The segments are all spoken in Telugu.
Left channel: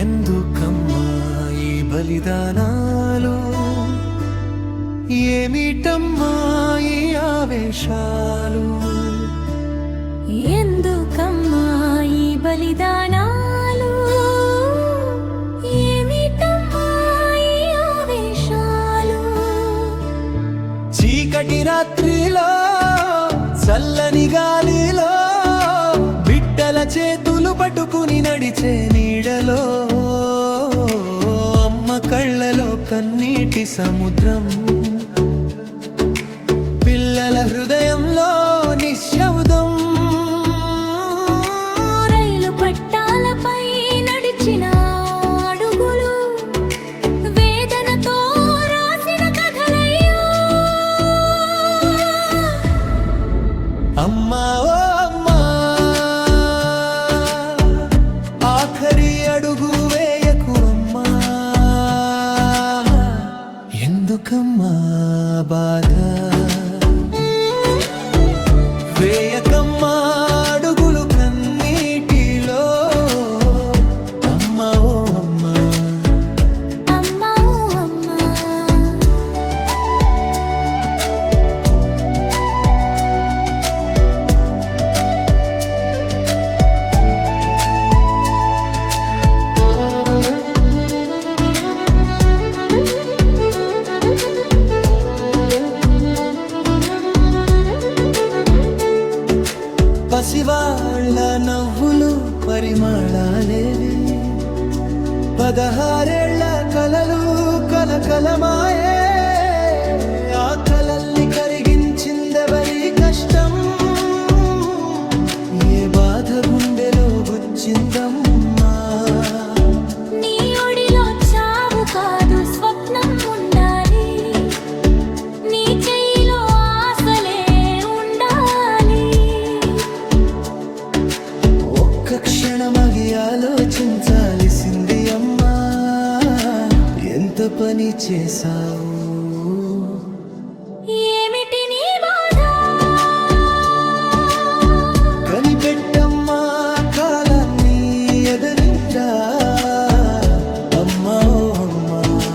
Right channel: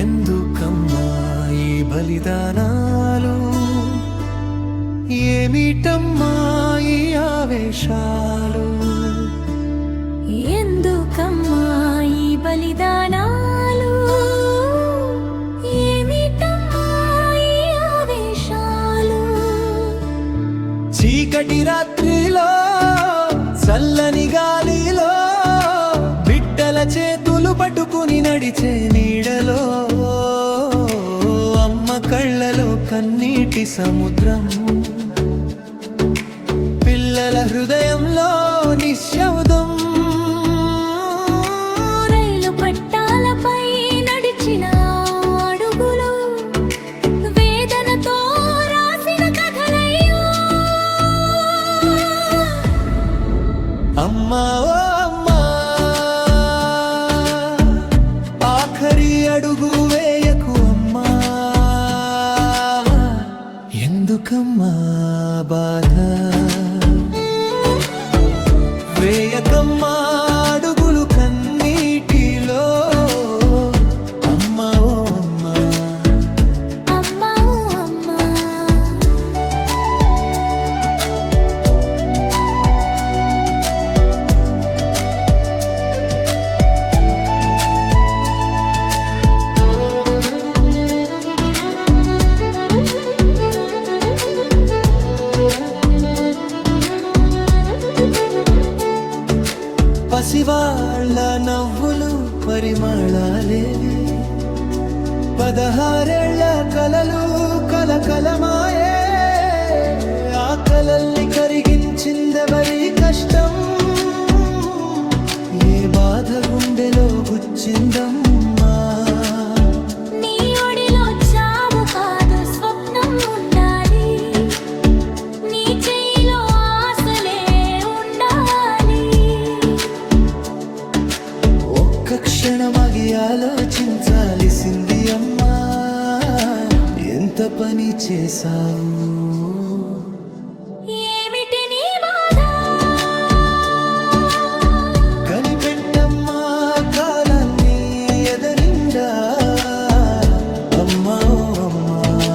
ఎందుకమ్మా ఈ బలిదానాలు? ఏమిటమ్మా ఈ ఆవేశాలు? ఎందుకమ్మా ఈ బలిదానాలు? ఏమిటమ్మా ఈ ఆవేశాలు? చీకటి రాత్రిలో చల్లని గాలిలో చేతులు పట్టుకుని నడిచే నీడలో అమ్మ కళ్ళలో కన్నీటి సముద్రం. పిల్లల హృదయంలో నిశ్శబ్దం. రైలు పట్టాలపై నడిచిన అడుగులు వేదనతో రాసిన కథలయ్యో. అమ్మా ఎందుకమ్మా బాధ. వేయకమ్మా పసివాళ్ళ నవ్వులు పరిమళాలేవి. పదహారేళ్ళ కలలు కలకలమాయే. ఆ కలల్ని కరిగించిందెవరి కష్టం? ఏ బాధ గుండెలో గుచ్చిందమ్మా? ఒక్క క్షణమగి ఆలోచించాల్సింది అమ్మా. ఎంత పని చేశావు? ఏమిటి నీ బాధ? కనిపెట్టమ్మా కాలాన్ని ఎదనిండా? అమ్మా ఓ అమ్మా.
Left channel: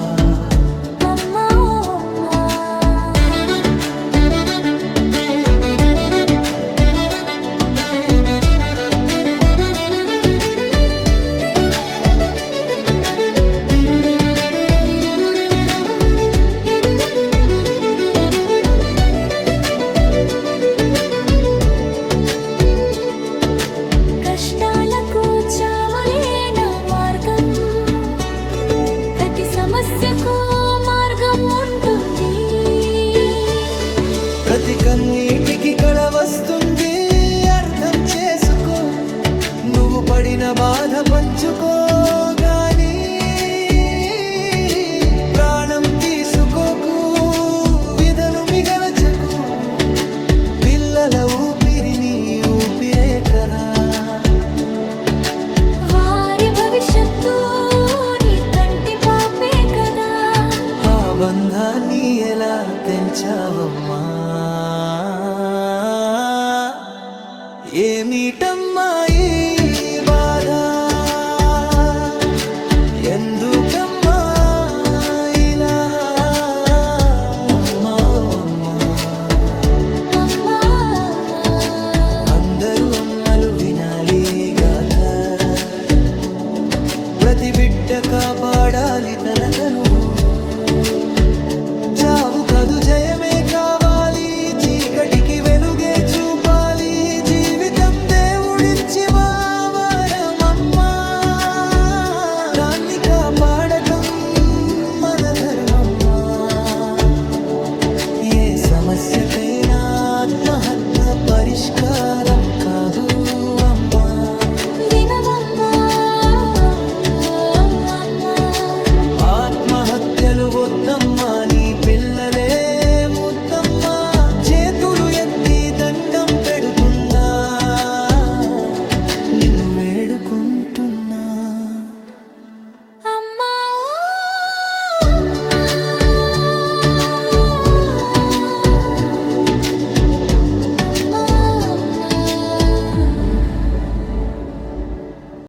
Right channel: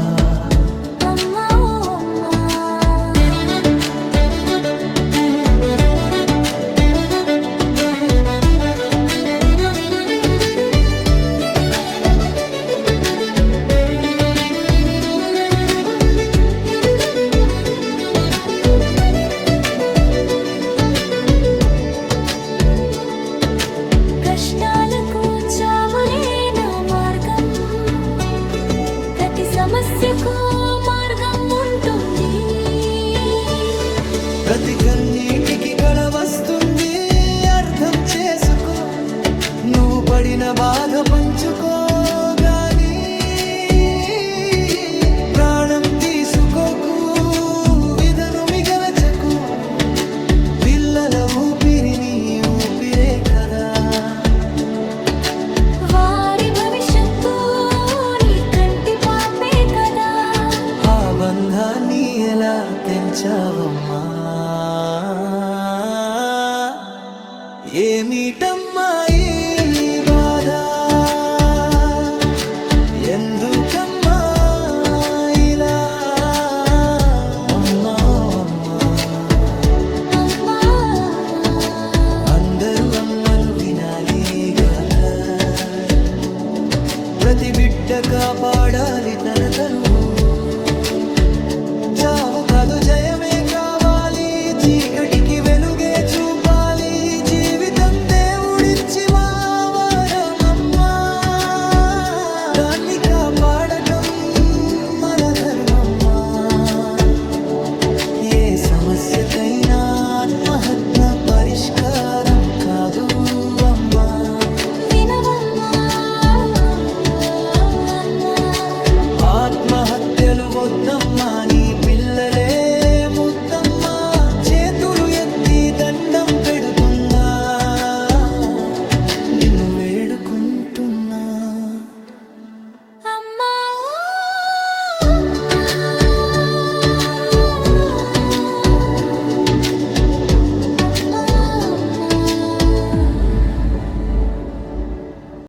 సమస్యకు మార్గం ఉంటుంది. ప్రతి కన్నీటికి కళ వస్తుంది. అర్థం చేసుకో. నువ్వు పడిన బాధ పంచుకోగాని ప్రాణం తీసుకోకు. విధను మిగలచకు. పిల్లల ఊపిరిని ఊపిరే కదా. వారి భవిష్యత్తు బంధాన్ని ఎలా తెంచావమ్మా? ఏమిటమ్మా ఈ బాధ? ఎందుకమ్మా ఇలా? అమ్మా అమ్మా. అమ్మా అందరూ అమ్మలు వినాలి గాథ. ప్రతి బిడ్డ కాపాడాలి తన తనువు. చావు కాదు జయమే కావాలి చీకటికి వెలుగే చూపాలి. జీవితం దేవుడిచ్చి మావరమమ్మా దాన్ని కాపాడటం మన ధర్మమ్మా. ఏ సమస్యకైనా ఆత్మహత్న పరిష్కారం కాదు అమ్మా. వినవమ్మ వద్దమ్మా నీ పిల్లలే ముద్దమ్మా. చేతులు ఎత్తి దండం పెడుతున్నా. నిన్ను వేడుకుంటున్నా.